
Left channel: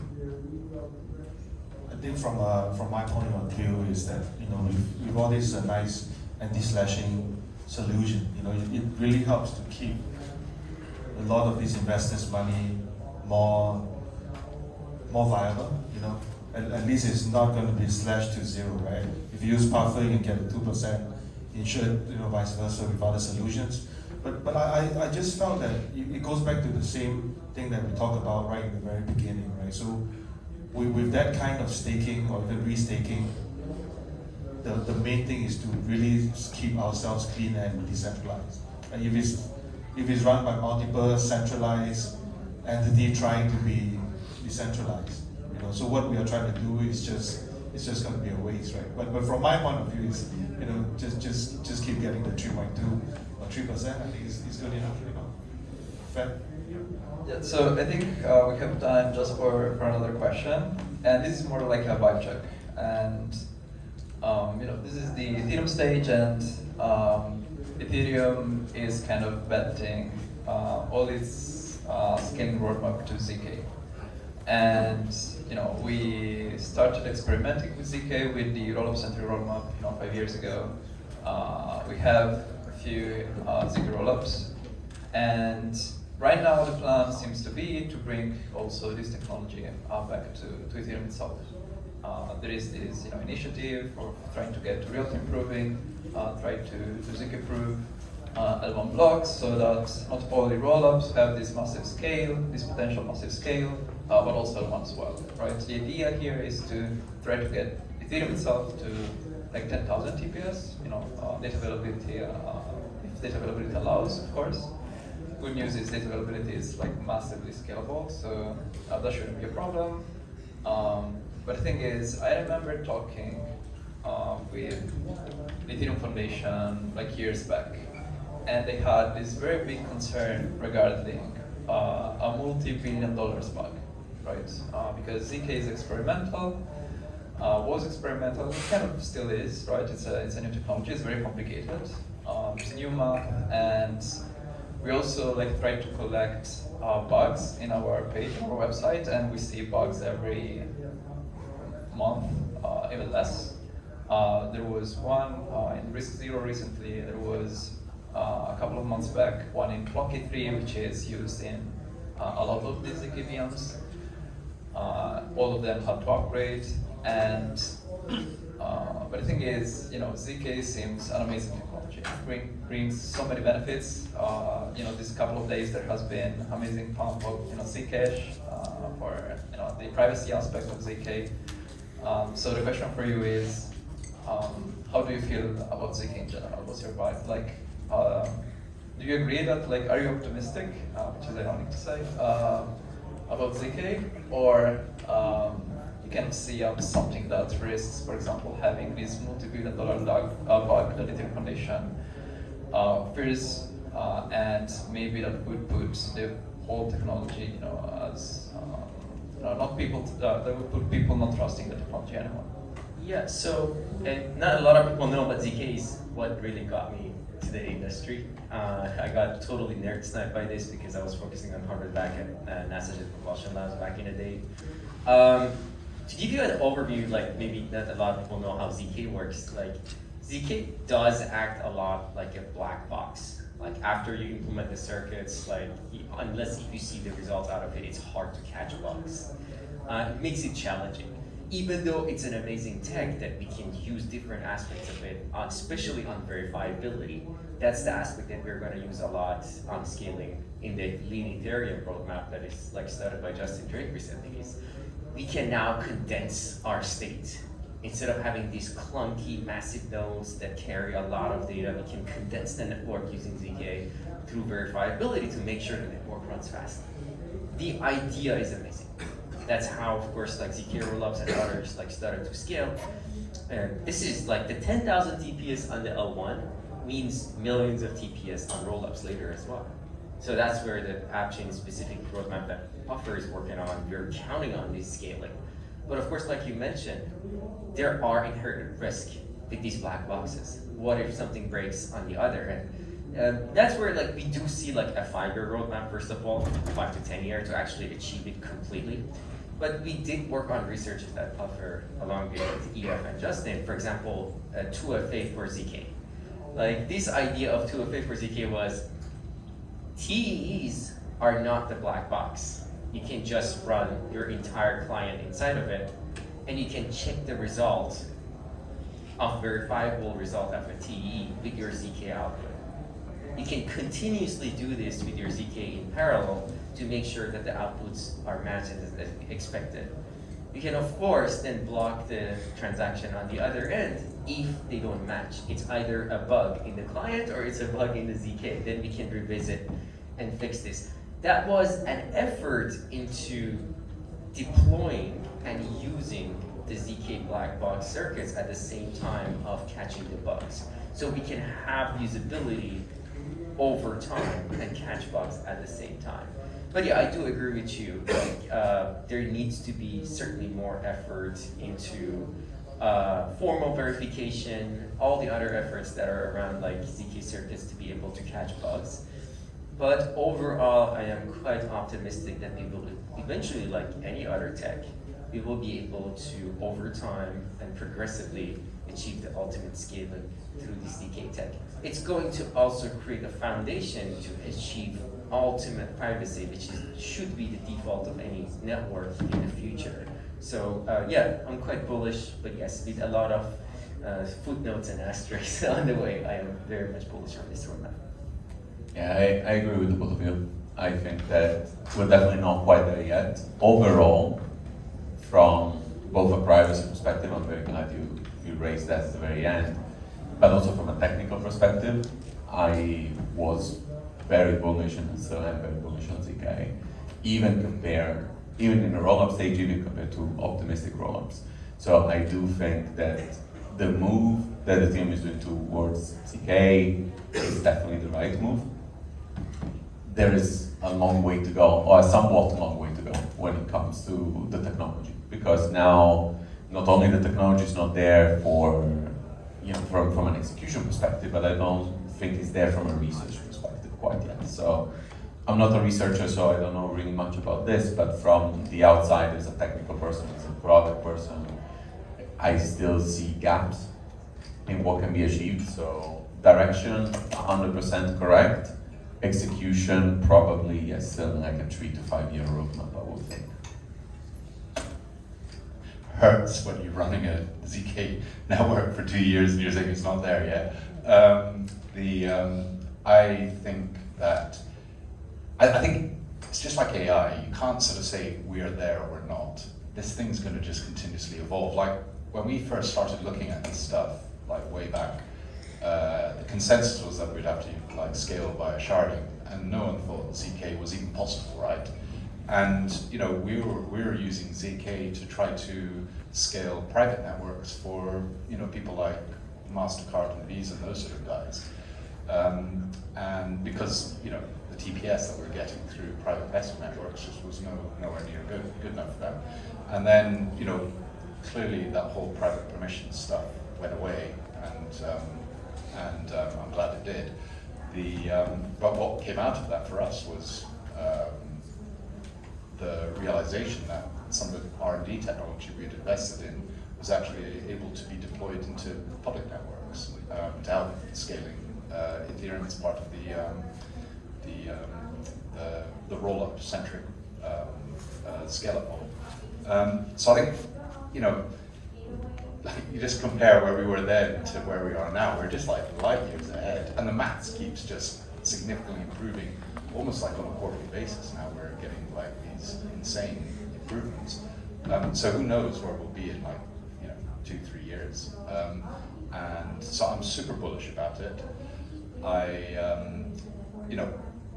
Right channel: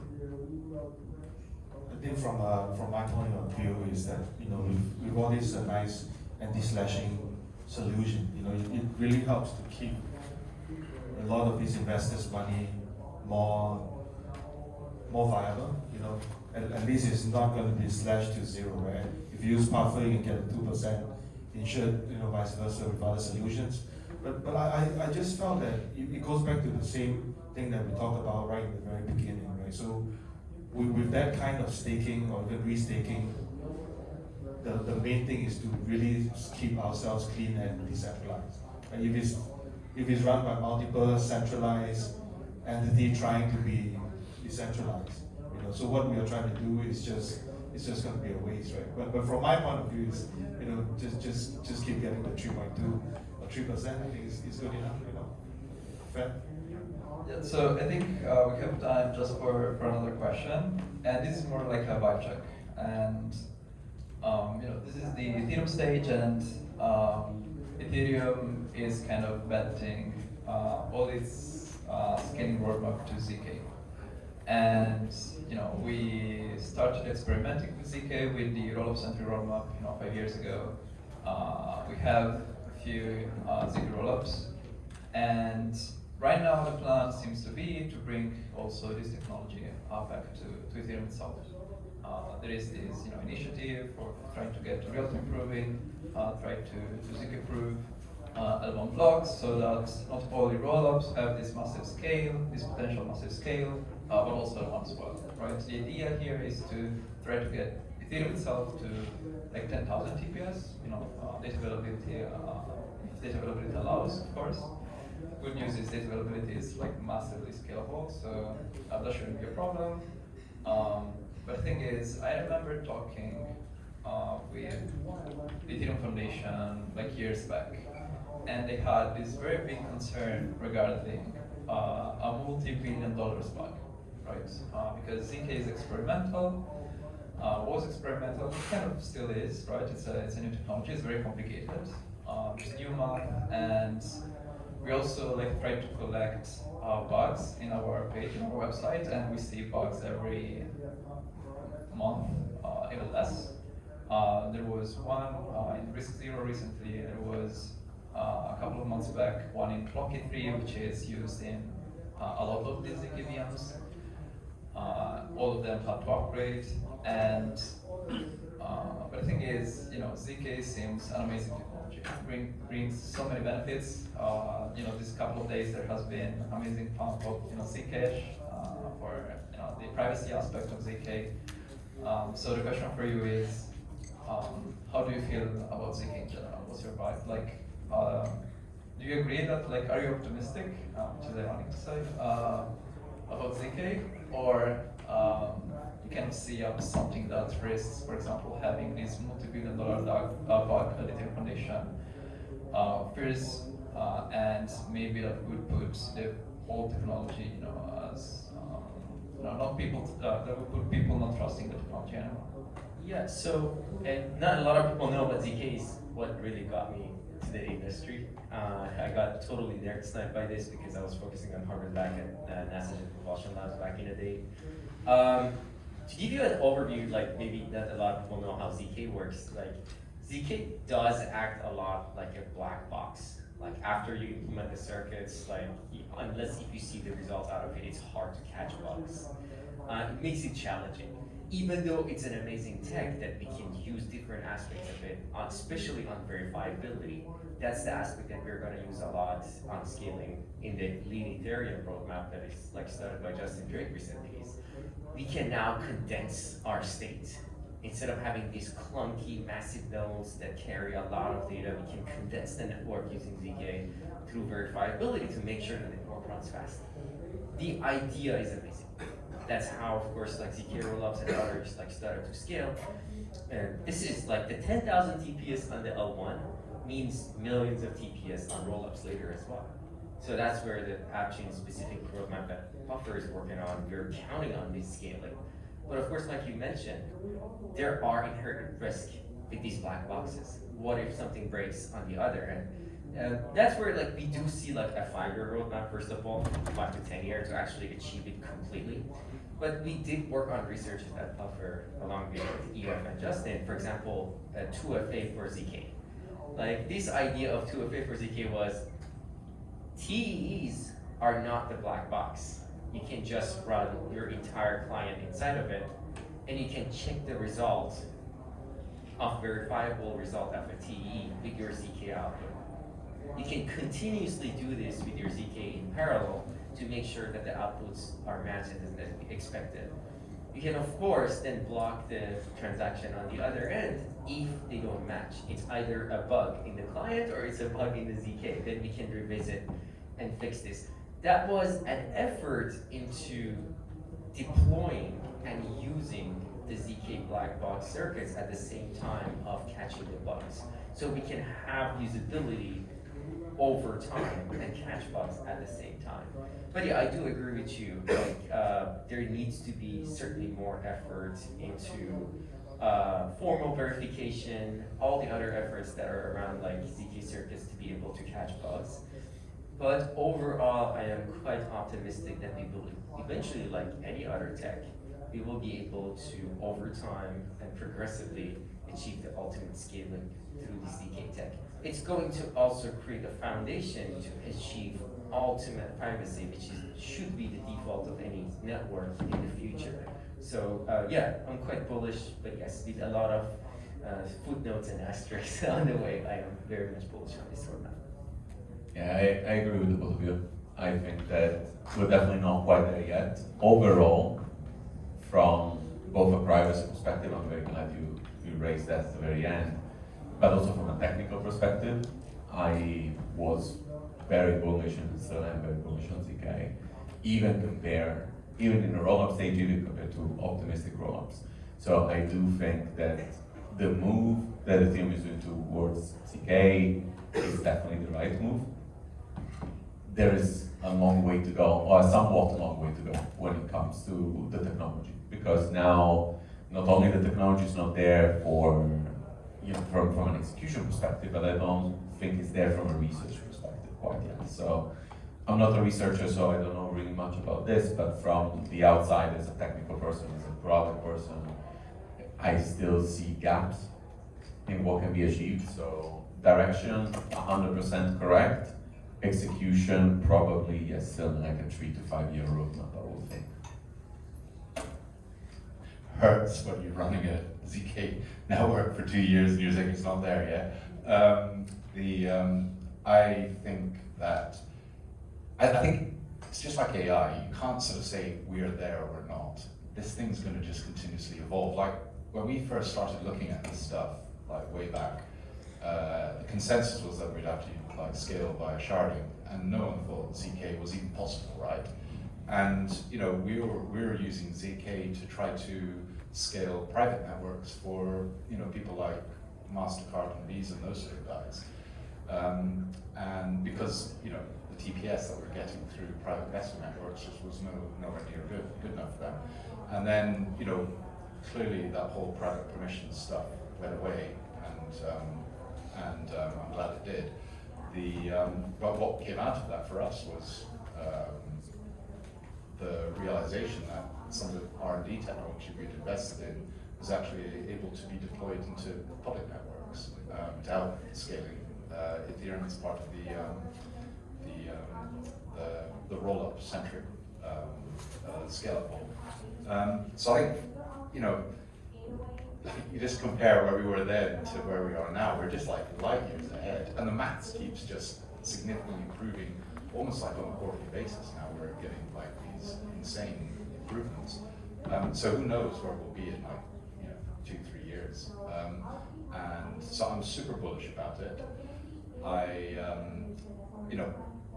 think from my point of view is that, you know, with all this nice anti-slashing solution, you know, it really helps to keep a lot of these investors' money more viable, you know. At least it's not going to be slashed to zero, right? If you use Puffer, you can get 2% insured, you know, vice versa with other solutions. But I just found that it goes back to the same thing that we talked about right in the very beginning, right? So with that kind of staking or even restaking, the main thing is to really keep ourselves clean and decentralized. And if it's run by multiple centralized entity trying to be decentralized, you know, so what we are trying to do is just going to be a waste, right? But from my point of view, is, you know, just keep getting the 3.2 or 3%. I think is good enough, you know. Fair? Yeah, so I think we have time just for another question, and this is more like a vibe check. And you know, this is the Ethereum stage, and Ethereum is kind of betting all its scaling roadmap to ZK. And you know, we started experimenting with ZK with the rollup-centric roadmap, you know, 5 years ago. We have a few ZK rollups, and right now the plan seems to be to bring also this technology back to Ethereum itself. There is this, you know, initiative for trying to get real-time proving, try to ZK-prove L1 blocks so that not only rollups have this massive scale, this potential massive scale, but also L1 as well, right? The idea here is to try to get Ethereum itself to like 10,000 TPS, you know, data availability, if data availability allows, of course. Good news is data availability is like massively scalable, so that shouldn't be a problem. But the thing is, I remember talking with the Ethereum Foundation like years back, and they had this very big concern regarding a multi-billion-dollar bug, right? Because ZK is experimental, was experimental, it kind of still is, right? It's a new technology, it's very complicated. It's new math, and we also like try to collect bugs in our page on our website, and we see bugs every month, even less. There was one in Risk Zero recently. There was a couple of months back one in Clocky 3, which is used in a lot of these ZK VMs. All of them had to upgrade, and but the thing is, you know, ZK seems an amazing technology. It brings so many benefits. You know, this couple of days there has been amazing pump of, you know, Zcash for, you know, the privacy aspect of ZK. So the question for you is, how do you feel about ZK in general? What's your vibe? Like, do you agree that, like, are you optimistic, which is ironic to say, about ZK, or you kind of see something that risks, for example, having this multi-billion-dollar bug that the Ethereum Foundation fears, and maybe that would put the whole technology, you know, as not people that would put people not trusting the technology anymore. Yeah, so not a lot of people know about ZK is what really got me to the industry. I got totally nerd sniped by this because I was focusing on Harvard back at NASA Jet Propulsion Labs back in the day. To give you an overview, like maybe not a lot of people know how ZK works, like ZK does act a lot like a black box. Like after you implement the circuits, like unless if you see the results out of it, it's hard to catch bugs. It makes it challenging. Even though it's an amazing tech that we can use different aspects of it, especially on verifiability, that's the aspect that we're going to use a lot on scaling in the lean Ethereum roadmap that is like started by Justin Drake recently. Is we can now condense our state. Instead of having these clunky, massive nodes that carry a lot of data, we can condense the network using ZK through verifiability to make sure the network runs fast. The idea is amazing. That's how, of course, like ZK rollups and others like started to scale. And this is like the 10,000 TPS on the L1 means millions of TPS on rollups later as well. So that's where the AppChain specific roadmap that Puffer is working on, we're counting on this scaling. But of course, like you mentioned, there are inherent risks with these black boxes. What if something breaks on the other? And that's where like we do see like a 5-year roadmap, first of all, 5 to 10 years to actually achieve it completely. But we did work on researches that offer, along with EF and Justin, for example, 2FA for ZK. Like this idea of 2FA for ZK was TEEs are not the black box. You can just run your entire client inside of it, and you can check the result of verifiable result of a TE with your ZK output. You can continuously do this with your ZK in parallel to make sure that the outputs are matched as expected. You can of course then block the transaction on the other end if they don't match. It's either a bug in the client or it's a bug in the ZK. Then we can revisit and fix this. That was an effort into deploying and using the ZK black box circuits at the same time of catching the bugs. So we can have usability over time and catch bugs at the same time. But yeah, I do agree with you. Like, there needs to be certainly more effort into formal verification, all the other efforts that are around like ZK circuits to be able to catch bugs. But overall, I am quite optimistic that we will eventually, like any other tech, we will be able to, over time and progressively, achieve the ultimate scaling through the ZK tech. It's going to also create a foundation to achieve ultimate privacy, which should be the default of any network in the future. So yeah, I'm quite bullish, but yes, with a lot of footnotes and asterisks on the way, I am very much bullish on this roadmap. Yeah, I agree with the both of you. I think that we're definitely not quite there yet. Overall, from both a privacy perspective, I'm very glad you raised that at the very end, but also from a technical perspective, I was very bullish and still am very bullish on ZK, even in the roll-up stage, even compared to optimistic roll-ups. So I do think that the move that the team is doing towards ZK is definitely the right move. There is a long way to go, or a somewhat long way to go when it comes to the technology, because now not only the technology is not there for, from an execution perspective, but I don't think it's there from a research perspective quite yet. So I'm not a researcher, so I don't know really much about this, but from the outside, as a technical person, as a product person, I still see gaps in what can be achieved. So direction, 100% correct. Execution, probably, yes, still like a 3 to 5 year roadmap, I would think. Hurts when you're running a ZK network for 2 years and you're saying it's not there yet. I think that, I think it's just like AI. You can't sort of say we're there or we're not. This thing's going to just continuously evolve. Like when we first started looking at this stuff, like way back, the consensus was that we'd have to like scale by sharding, and no one thought ZK was even possible, right? And we were using ZK to try to scale private networks for people like MasterCard and Visa and those sort of guys, and because the TPS that we're getting through private investment networks just was nowhere near good enough for them. And then clearly that whole private permission stuff went away, and I'm glad it did. But what came out of that for us was the realization that some of the R&D technology we had invested in was actually able to be deployed into public networks to help scaling. Ethereum is part of the roll-up centric scale-up model. So I think you just compare where we were then to where we are now. We're just like light years ahead, and the maths keeps just significantly improving, almost like on a quarterly basis. Now we're getting like these insane improvements. So who knows where we'll be in like 2-3 years. And so I'm super bullish about it.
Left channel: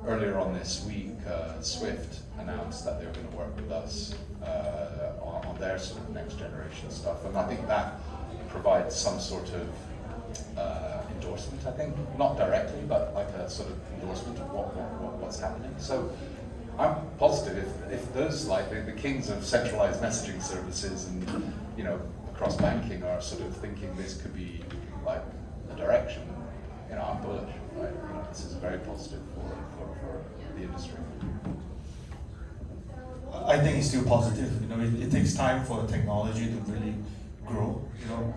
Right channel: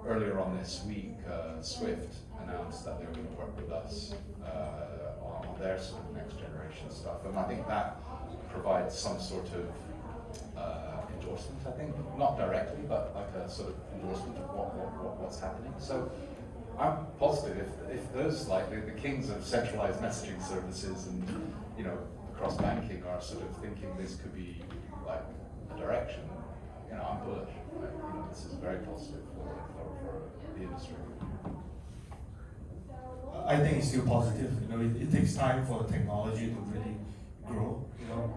Earlier on this week, Swift announced that they were going to work with us on their sort of next generation stuff, and I think that provides some sort of endorsement. I think not directly, but like a sort of endorsement of what's happening. So I'm positive if those like the kings of centralized messaging services and across banking are sort of thinking this could be like a direction. I'm bullish. Right? This is very positive for the industry. I think it's still positive. You know, it takes time for the technology to really grow. You know,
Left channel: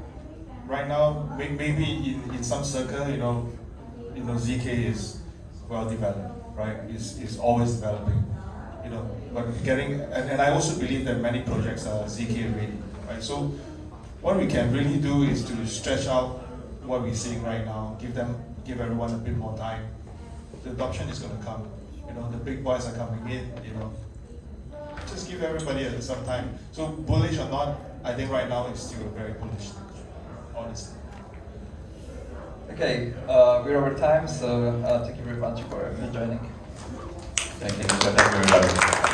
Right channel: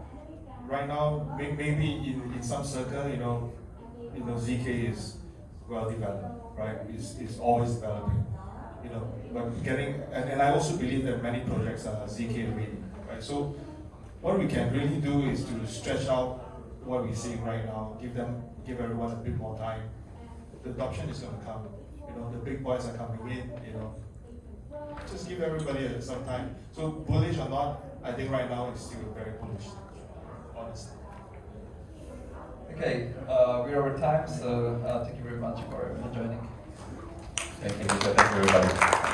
right now maybe in some circle, you know, ZK is well developed, right? It's always developing. You know, but and I also believe that many projects are ZK ready, right? So what we can really do is to stretch out what we're seeing right now, give everyone a bit more time. The adoption is going to come. You know, the big boys are coming in. You know, just give everybody some time. So bullish or not, I think right now it's still very bullish, honestly. Okay, we're over time, so thank you very much for joining. Thank you very much.